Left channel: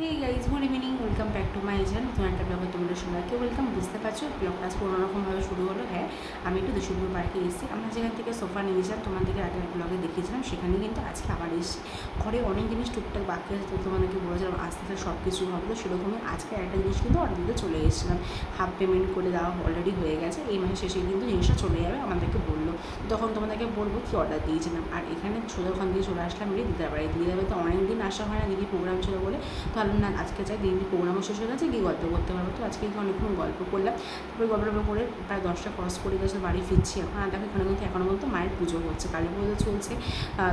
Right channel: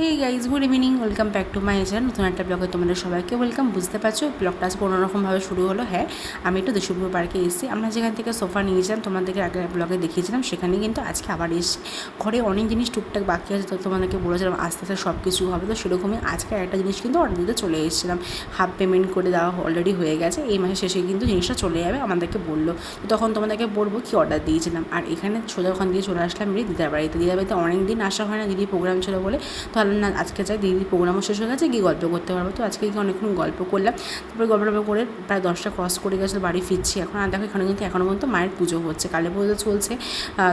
Hey guys, good evening, welcome back to my channel. নতুন একটা ব্লগে তোমাদের সবাইকে ওয়েলকাম। বুঝতে পারছো ব্লগটা আজ কোনোরকমভাবে শুরু হলো। হ্যাঁ, আমি একটু দেশপুর পার্কে এসেছি। আমরা যেখান থেকে সোফা নিয়েছিলাম তোমাদেরকে আগে ব্লগে দেখিয়েছিলাম, সেখানে কিন্তু আজকে আবার এসেছি। ঘরে অনেক জিনিস টুকটাক বাকি আছে, তো তোমাদেরকে বলেছিলাম আস্তে আস্তে সব কিছু হবে। তো সেরকমই আজকে একটা জিনিস কিন্তু অর্ডার দিতে চলে এসেছিলাম। হাফ পেমেন্ট করে দেওয়া অলরেডি হয়ে গেছে, এই মাসের শেষে কিন্তু জিনিসটা চলে যাবে আমাদেরকে বললো। তখন তোমাদেরকে বলবো কী অর্ডার দিয়েছিলাম। আর এখানে সোজা ওখান দিয়ে চলে আসলাম দিদার বাড়িতে। দিদার বাড়িতে অনেক দিন আসা হয় না, দিদি প্রোগ্রাম ছিল বলে। তো না আজকে চাই দিদির প্রোগ্রামও শেষ হয়ে গেছে, গিয়ে গল্প করতে পারবো। তো আজকে গিয়ে অনেকক্ষণ গল্প করলাম। তারপরে গল্প করে প্রায় 10টা ক্রস করে গেছিলো, বাড়ি ফিরছি এখন। আর দেখো এখানে কিন্তু এখনও পর্যন্ত মায়ের পুজো হচ্ছে, কালী পুজো চলছে,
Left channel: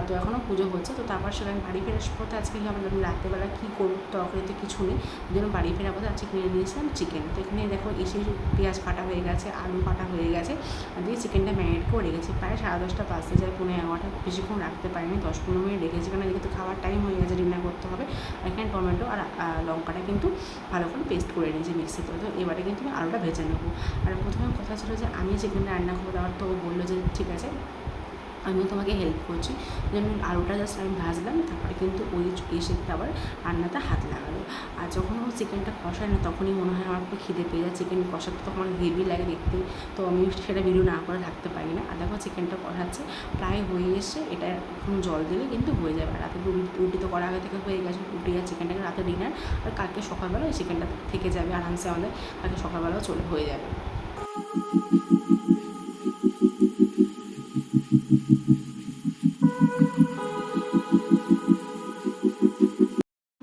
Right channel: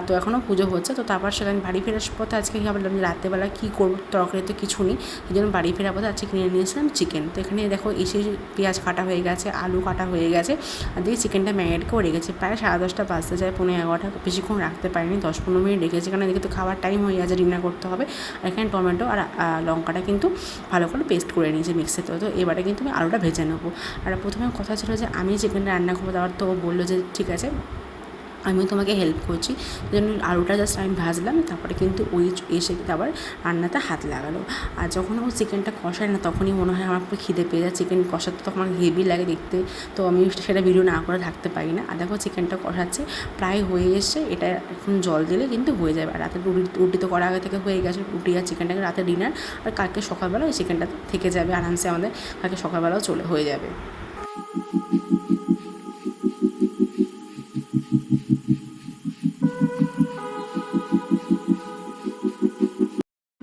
তো এখনও পুজো হচ্ছে। তো তারপর সেখানে বাড়ি ফেরার পথে আজকে কী ভাবলাম রাত্রেবেলা কী করবো, তরকারি তো কিছু নেই, এই জন্য বাড়ি ফেরার পথে আজকে কিনে নিয়েছিলাম চিকেন। তো এখানে দেখো এসে পেঁয়াজ কাটা হয়ে গেছে, আলু কাটা হয়ে গেছে, আর দিয়ে চিকেনটা ম্যারিনেট করে রেখেছি। প্রায় 10:30 বাজতে যায়, 11:30, বেশিক্ষণ রাখতে পারিনি, 10-15 মিনিট রেখেছি, কারণ এদিকে তো খাবার টাইম হয়ে গেছে, ডিনার করতে হবে। আর এখানে টমেটো আর লঙ্কাটা কিন্তু ভালো করে পেস্ট করে নিয়েছি মিক্সিতে। তো এবারে কিন্তু আমি আলুটা ভেজে নেবো। আর প্রথমে কথা ছিল যে আমি চিকেনটা রান্না করবো, তারপর তো ও বললো যে ঠিক আছে আমি তোমাকে হেল্প করছি। ওই জন্য আলুটা জাস্ট আমি ভাজলাম, তারপরে কিন্তু ওই এসে আবার রান্নাতে হাত লাগালো। আর যখন ও চিকেনটা কষায় না, তখনই মনে হয় আমার একটু খিদে পেয়ে যায়। চিকেন কষাতে তখন আমার হেভি লাগে দেখতে, তো আমি সেটা ভিডিও না করে থাকতে পারি না। আর দেখো চিকেনটা কষাচ্ছে, প্রায় হয়ে এসছে, এটা এখন জল দিলে কিন্তু হয়ে যাবে। আর রাতে রুটি তো করা আগে থেকে হয়ে গেছে, রুটি আর চিকেনটাকে রাতে ডিনার, আর কালকে সকালবেলা এই চিকেনটা থেকে যাবে আরামসে, আমাদের কালকে সকালবেলাও হয়ে যাবে।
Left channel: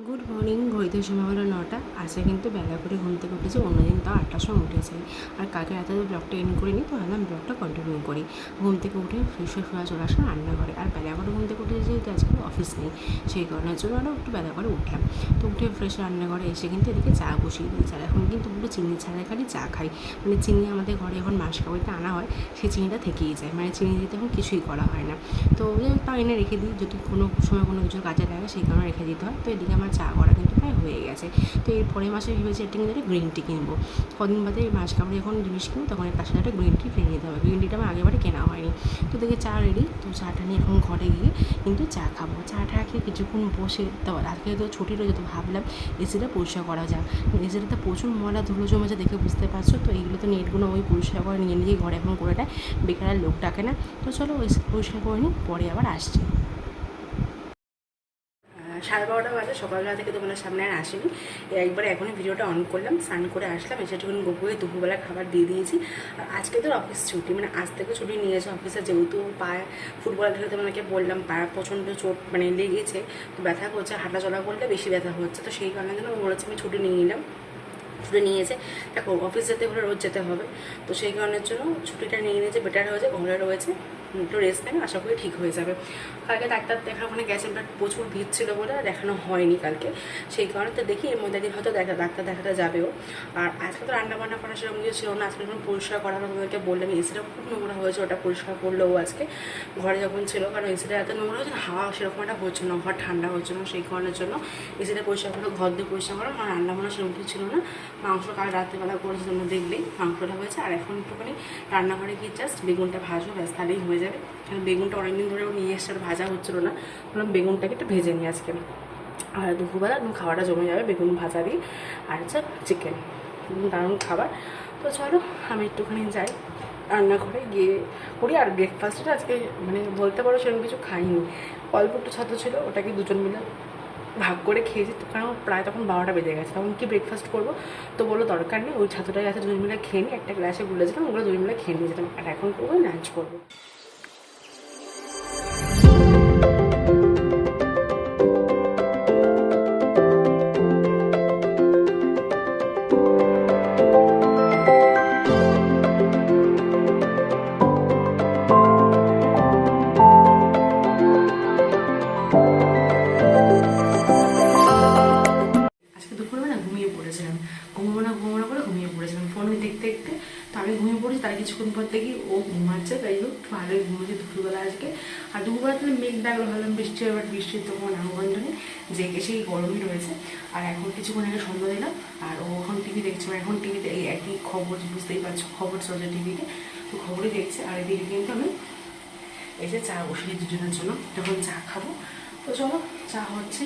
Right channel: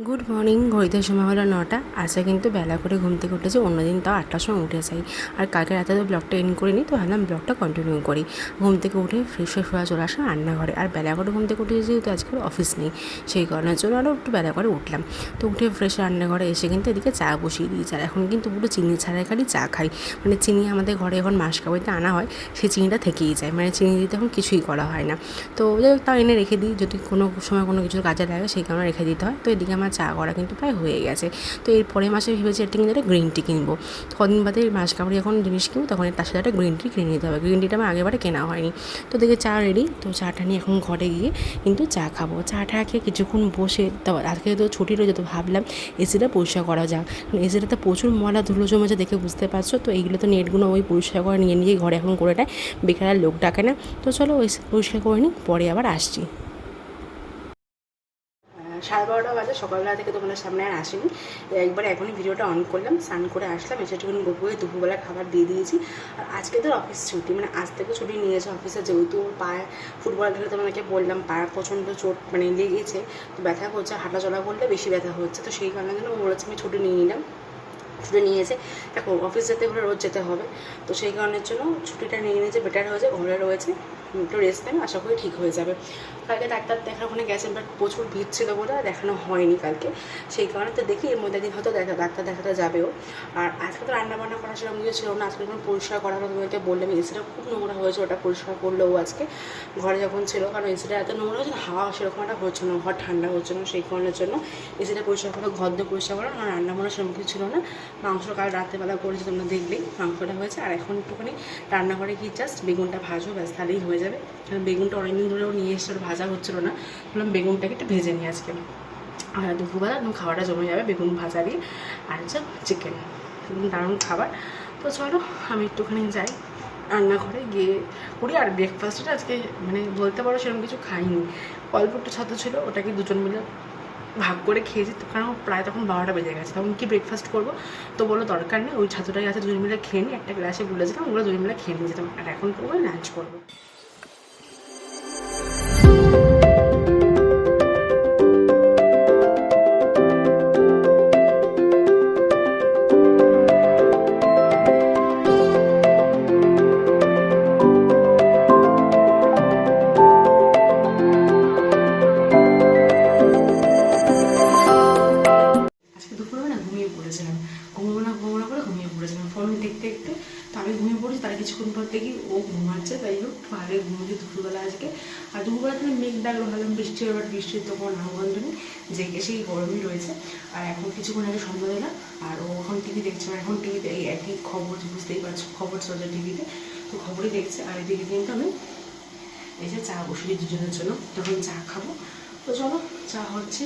গুড মর্নিং, ঘড়িতে সময় হলো 9টা। আজকে কিন্তু বেলা করে ঘুম থেকে উঠেছি, অন্যদিন তাও 8টার সময় উঠে যাই। আর কালকে রাতে তো ব্লগটা এন্ড করিনি, তো ভাবলাম ব্লগটা কন্টিনিউ করি। ঘুম থেকে উঠে ফ্রেশ হয়ে চলে আসলাম রান্নাঘরে। আর বেলা করে ঘুম থেকে উঠে যেহেতু আজকে অফিস নেই, সেই কারণের জন্য আরও একটু বেলা করে উঠলাম। তো উঠে ফ্রেশ রান্নাঘরে এসে কিন্তু এদিকে চা বসিয়ে দিয়েছি। আর এখন কিন্তু পুরো চিনি ছাড়াই খালি চা খাই, মানে চিনি আমাদের ঘরে এখন মাসকাবাড়িতে আনা হয়, সেই চিনিটা থেকেই যায়, মানে চিনি দিতে এখন কিছুই করা হয় না। তো তাও এনে রেখে দিই, যদি কোনো সময় কোনো কিছুর কাজে লাগে সেই কারণে রেখে দিতে হয়। তো এদিকে আমার চা করা কিন্তু প্রায় হয়ে গেছে। তো এর পরের মাসে ভেবেছি একটা কিন্তু একটা গ্রিন টি কিনবো। কদিন বাদে মাস কাবাড়ি যখন জিনিস কিনবো, তখন তার সাথে একটা গ্রিন টি কিনে নিতে হবে। গ্রিন টিটা আমার আগেবারে কেনা হয়নি। তো দেখে চা রেডি, তো চাটা নিয়ে এখন ঘরে গিয়ে কিন্তু চা খাবো। চাটা খেয়ে কিছুক্ষণ বসে, তারপর আজকে তো ছুটি রয়েছে, তো ভাবলাম এসিটা পরিষ্কার করা যাক। এসিটাতে প্রচুর ময়লা ধুলো জমেছে, দেখে বুঝতে পারছো। তো এইগুলো তো নেটগুলো ওই পরিষ্কার করে নিয়ে নিজেই ঘরে এখন করে নেয়, বেকার লোক ডাকে না। তো চলো ওই পরিষ্কার করে নিই, পরে আবার আসছি। 12:30 বাজে, সকালবেলা থেকে তোমাদের সামনে আর আসেনি। একবার এখনই ভিডিওটা অন করলাম, স্নান করে আসলাম, এসে একটুখানি গোপুকে দুপুরবেলা খাবার দিয়ে দিয়েছি। আর আজকে তো অফিস ছুটি, মানে আজ থেকে ছুটি নিয়েছে অফিসে, যেহেতু পায়ে ফুটবল খেলে তোমাদেরকে বললাম পায়ে প্রচণ্ড চোট মানে লেগেছে, তো ব্যথা করছে, হাঁটাচলা করলে বেশি ব্যথা হচ্ছে। তো সেই কারণে জন্য বলেছি আমি ছুটি নিয়ে নিলাম। ছুটি নিয়েছে, দেখো অফিস যেতে হলে রোজ যেতে হবে, তো সেই কারণের জন্য ছুটিটা নিয়ে নিয়েছে, বেটার হয়েছে, ঘরে রয়েছে, একটু রেস্ট নেবে, আশা করি ঠিক হয়ে যাবে। কালকে ডাক্তার দেখার ওখানে গেছে, বাট প্রচুর ভিড় ছিল বলে দেখানো হয়নি কালকে, সেই কারণে তো দেখি এর মধ্যে দিন হয়তো ডাক্তার দেখাতে যাবেও। আর আজকে তো রান্নাবান্না করা সেরকম কিছু ছিল না, আজকে যখন পরিষ্কার করা হলো তোমাদেরকে বললাম, এসিটা খুব নোংরা হয়েছে, ওটা পরিষ্কার করলো ও আজকে ঘরে যখন ছিল, কারণ এসিটা এত নোংরা হয়েছে, হাওয়া সেরকম একটা হচ্ছে না, ঘর ঠান্ডা হচ্ছে না, সেই কারণের জন্য এসিটা পরিষ্কার করে ঘর দিয়ে পরিষ্কার করা। আমার রান্নাবান্না সেরকম কিছু ছিল না, মাংস কাল রাত্রেবেলা করেছি তোমরা দেখলেই, মাংসটা হয়েছে। আর এখন একটুখানি রান্নাঘরে গিয়ে জাস্ট বেগুনটা ভাজবো, ব্যাস তাহলেই হয়ে যাবে। কারণ বেগুনটা অনেকদিন ধরেও নিয়ে এসছে, আর ভাজা হচ্ছিলো না, বললাম বেগুনটাকে একটু ভেজে নিই আজকে। আর দুপুরবেলা একদম খাওয়াটা জমে যাবে বেগুন ভাজা দিয়ে, আর হচ্ছে চিকেন, দারুণ খাবার। তো চলো আমি একটুখানি যাই রান্নাঘরে গিয়ে করি। আর ব্রেকফাস্টটা আজকে মানে বলতে পারো সেরকম কিছু খাইনি, অল্প একটু ছাত্র ছিল, ওটাকে দুজন মিলে ভাগ করে খেয়েছি। তো কারণ প্রায় তখন 12টা বেজে গেছে, তখন কি ব্রেকফাস্ট করবো, তো বলো দরকার নেই, ওই ছাত্রটাই আছে, দুজন মিলে খেয়ে নিই, একটা গ্লাসে গুলেছিলাম, ওগুলো দুজন মিলে খেয়ে নিয়ে যেতাম। আর এখন করবো লাঞ্চ করবো। ফোন দেখতে দেখতে তো আমি ঘুমিয়ে পড়েছি, তার কিছুক্ষণ পর দেখি ও ঘুমাচ্ছে, তাই হোক ভালোই ঘুমিয়েছি দুপুরবেলা আজকে। আর দুপুরবেলা তাহলে মেঘ ডাকলো, ভাবলাম বৃষ্টি হবে, বাট বৃষ্টির তো কোনো নামগন্ধ নেই, জেগে সেই গরমই রয়েছে। আর এখন কিছুক্ষণ আগে সন্ধ্যা দিলাম, আর ও এখন টিভি দেখছে, এখন টিভিতে এই একই খবর, বুঝতেই পারছো খবর চলছে টিভিতে, তো খবরই দেখছে। আর এদিকে কিন্তু আমি এসে চা বসিয়ে দুজনের জন্য, তখন চা খাবো। তো চলো চা হচ্ছে,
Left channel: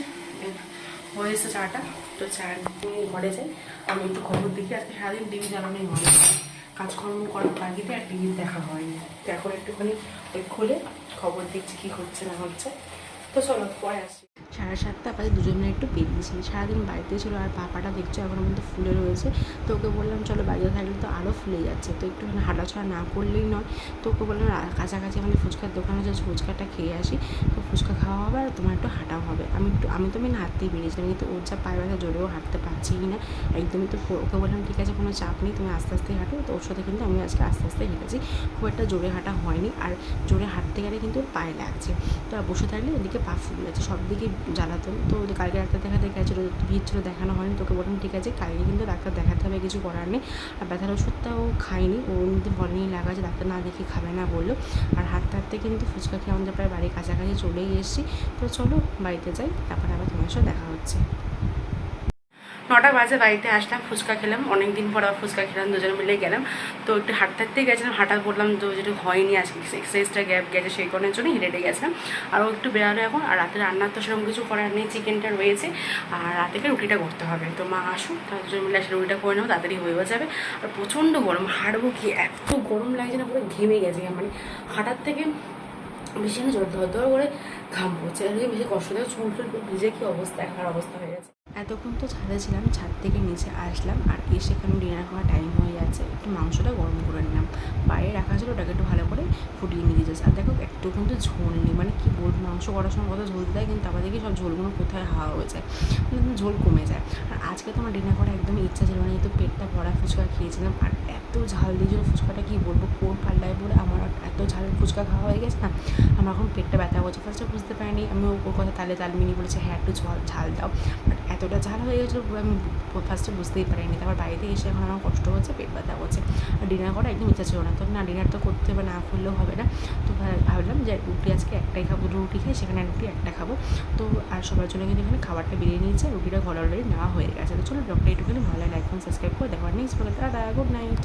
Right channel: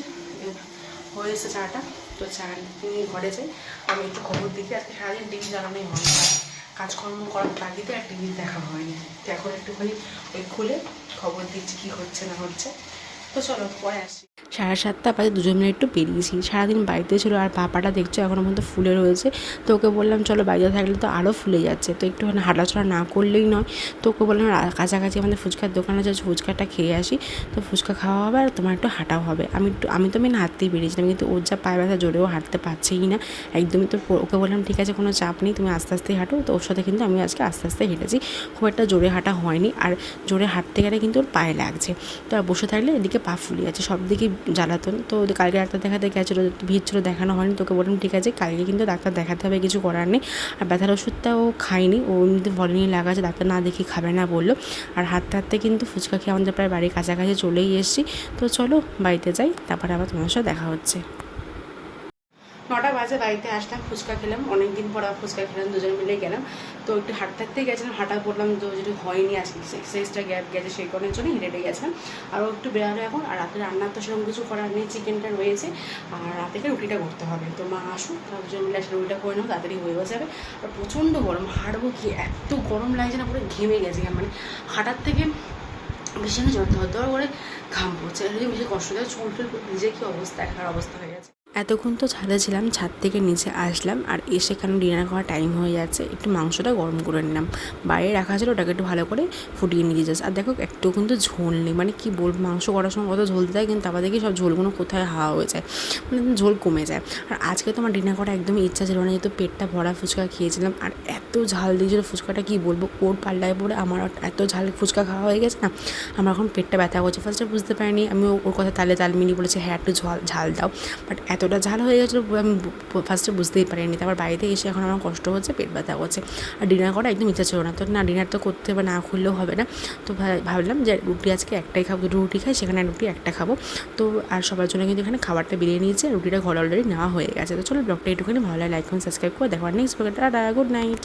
হয়েছে চাটা, তো চা নিয়ে ঘরে যাই, আমি একটু খবর দেখি। আজকে সারাদিন টিভি চালানোই হয়নি, কাজকর্ম করার তাগিদে আর টিভি দেখা হয়নি। তো এখন একটুখানি ওই খুলে খবর দিচ্ছি কী হচ্ছে না হচ্ছে। তো চলো পরে আসি। 7:30 বাজে, দুজন মিলে একটু বেরিয়েছি। সারাদিন বাড়িতে ছিল আর পাপাটা দেখছো এখনও পর্যন্ত ফুলে রয়েছে। তো ওকে বললাম চলো বাড়িতে থাকলে তো আরও ফুলে যাচ্ছে, তো একটুখানি হাঁটাচলা না করলেই নয়। তো ওকে বললাম কাছাকাছি আমাদের ফুচকার দোকানে যাচ্ছি, ফুচকাটা খেয়ে আসি। তো ফুচকা খাওয়া হবে আর তোমার একটু হাঁটাও হবে। আমি তো মেন হাঁটতেই বেরিয়েছিলাম, কিন্তু ওর যা পায়ে ব্যথা, জোরেও হাঁটতে পারছেই না একদমই। তো ওকে বললাম ঠিক আছে কোনো চাপ নেই, তুমি আস্তে আস্তেই হাঁটো। তো ওর সাথে কিন্তু আমি আজকে আস্তে আস্তে হেঁটেছি, খুব একটা জোরে হাঁটা হয়নি। আর জোরে হাঁটতে গেলে কিন্তু ওর পায়ে লাগছে। তো আর বসে থাকলে এদিকে পা ফুলে যাচ্ছে, সব দিকে জ্বালাতন। তো কালকে ডাক্তার দেখাতে গেছিলো, ভিড় ছিল, দেখানো হয়নি। তোকে বললাম ঠিক আছে কালকে কিন্তু ডাক্তার দেখাতে হবে, কিছু করার নেই। আর ব্যথার ওষুধটাও খাইনি, ও এমনিতে ভলিনি লাগা আছে, ডাক্তার না দেখি খাবে না বললো। আর হাঁটতে হাঁটতে কিন্তু ফুচকা খেয়ে আমাদের প্রায় বাড়ির কাছাকাছি চলেই এসেছি। তো চলো বাড়িতে যাই, তারপরে আবার তোমার সাথে দেখা হচ্ছে। 9টা বাজে বাড়িতে আসলাম, ফুচকা খেলাম, অনেক দিন পর আবার ফুচকা খেলাম, দুজন মিলে গেলাম। তো একটু হাঁটতে হাঁটতেই গেছিলাম, হাঁটা বললাম তো যেটা হয়নি আজকে, এক্সারসাইজটা গ্যাপ গেছে, সেই কারণের জন্য হেঁটে গেছিলাম। আরও একটু বেরোলো এখন। আর রাতে রান্নার তো সেরকম কিছু করার নেই, চিকেনটা রয়েছে। আর রাতে রুটিটা করতে হবে, তো মা আসুক, তার দুজন মিলে আসলে রুটিটা করে নেবো, তাড়াতাড়ি হয়েও যাবে। আর প্রচণ্ড গরম, হাঁটবো কি, এত গরম লাগছে না, পুরো ঘেমে গেছে, মানে হাঁটার থেকে বেশি না ধর ধর করে ঘাম পড়ছে, বেশি কষ্ট দেয়, চুল টুল ভিজে কি অবস্থা, একার অবস্থা হয়ে গেছে। এতক্ষণ তো ছাদে ছিলাম, ছাদ থেকে নিচে আসলাম, আর এসে এখানে ডিনার করার টাইম হয়ে যাচ্ছে। একটু মাংসটা গরম করে নিলাম, বাইরে রাখা ছিল, ওটাকে একটু ভালো করে ফুটিয়ে নিয়ে যাচ্ছে। আর দেখো একটু কিন্তু ঝোল নেই, মানে কি বলবো, মাংস করার সময় কত ঝোল দেয়, কিন্তু আবার দেখি সব ঝোলগুলো কোথায় হাওয়া হয়ে যায়, মানে ঝোল কমে যায়। আর আজকে তোমার ডিনার করা একদমই ইচ্ছা ছিল না, যেহেতু পেটটা ভরা ফুচকা খেয়েছিলাম। আর এত ঝাল দিয়েছিলো ফুচকাটা, কি বলবো, কোর পাল্লায় পড়ে আমার এত ঝাল ফুচকা খাওয়া হয়ে গেছে না, আমার এখন পেটটা ব্যথা করছে। ফার্স্টে বুঝতে পারিনি, আমি ওর কথা তালে তাল মিনি বলেছে হ্যাঁ একটু ঝাল দাও, বাট এতটা ঝাল হয়ে গেছিলো আমি ফার্স্টে বুঝতেই পারিনি। তারপর বাড়িতে এসে এখন আমার কষ্ট হচ্ছে, পেট ব্যথা করছে। আর ডিনার করা একদম ইচ্ছা ছিল না, তো না ডিনার তো করতে হবে, না খুললেও হবে না। তো ভাবলাম যে রুটি আজকে একটাই খাবো, দুটো রুটি খাই, সেখানে রুটি একটা খাবো। তো আর সবার জন্য কিন্তু এখানে খাবারটা বেরিয়ে নিয়েছে, রুটিটা ঘরে অলরেডি নেওয়া হয়ে গেছে। তো চলো ব্লগটা একটুখানি ভালো লাগে, লাইক করুন, সাবস্ক্রাইব করে দেখো, নেক্সট ব্লগটা, গুড নাইট।